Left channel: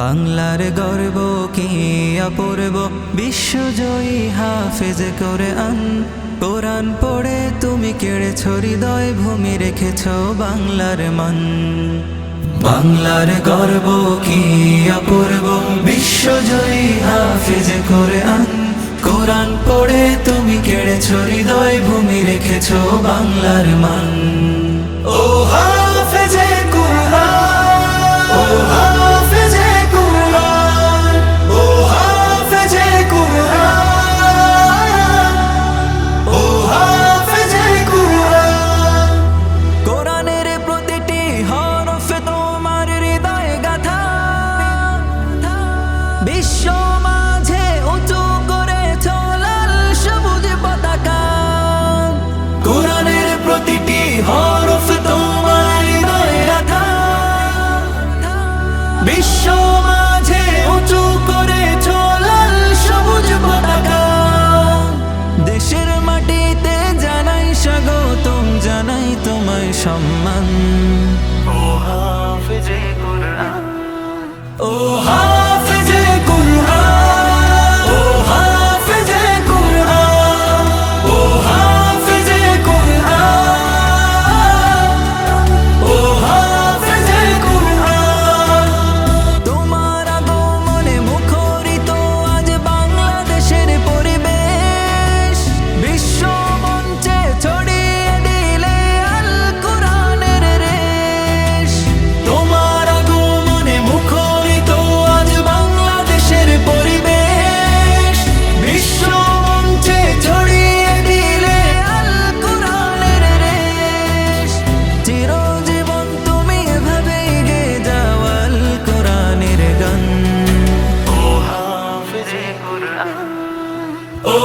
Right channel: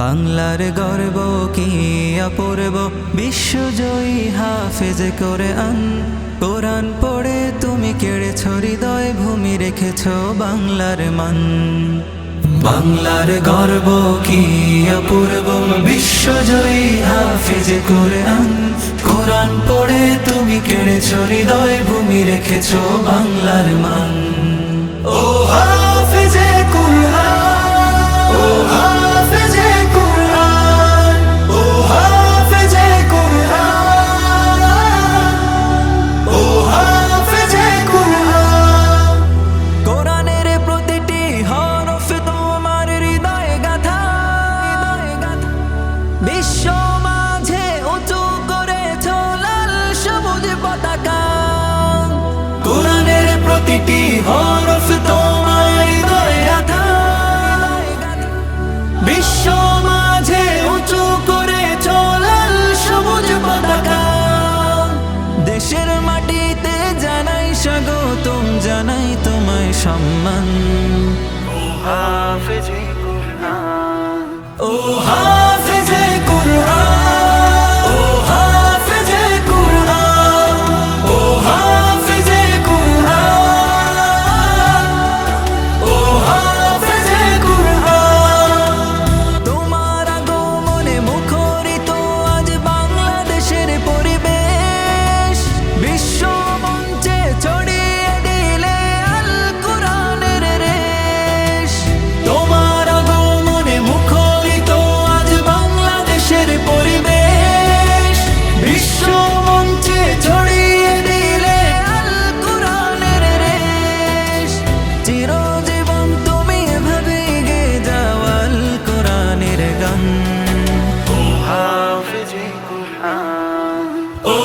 বাংলার গর্ব কি অপূর্ব, বিশ্বজয়ী হাফেজ কোরআন। কোরআন পড়ে তুমি কেড়েছ হৃদয়, ভূমি রেখেছ বাংলার মান। বাংলার গর্ব কি অপূর্ব, বিশ্বজয়ী হাফেজ কোরআন। কোরআন পড়ে তুমি কেড়েছ হৃদয়, ভূমি রেখেছ বাংলার মান। ও হাফেজে কোরআন, ও হাফেজে কোরআন, ও হাফেজে কোরআন, ও হাফেজে কোরআন। কোরআনের প্রতিটি হরফে তোমার হৃদয় গাথা, বিশ্ব মাঝে উঁচু করেছ লাল সবুজ পতাকা। কোরআনের প্রতিটি হরফ তোমার হৃদয় গাথা, বিশ্ব মাঝে উঁচু করেছ লাল সবুজ পতাকা। দেশের মাটিতে জানাই স্বাগতম, জানাই তোমায় সম্মান। ও হাফেজে কোরআন, ও হাফেজে কোরআন, ও হাফেজে কোরআন, ও হাফেজে কোরআন, ও হাফেজে কোরআন। তোমার আগমনে মুখরিত আজ বাংলাদেশের পরিবেশ, বিশ্ব মঞ্চে ছড়িয়ে দিলে আল কোরআনের রেশ। তোমার আগমনে মুখরিত আজ বাংলাদেশের পরিবেশ, বিশ্ব মঞ্চে ছড়িয়ে দিলে আল কোরআনের রেশ। চিরজীবন তুমি এভাবে গেয়ে যাও আল কোরআনের গান। ও হাফেজে কোরআন, ও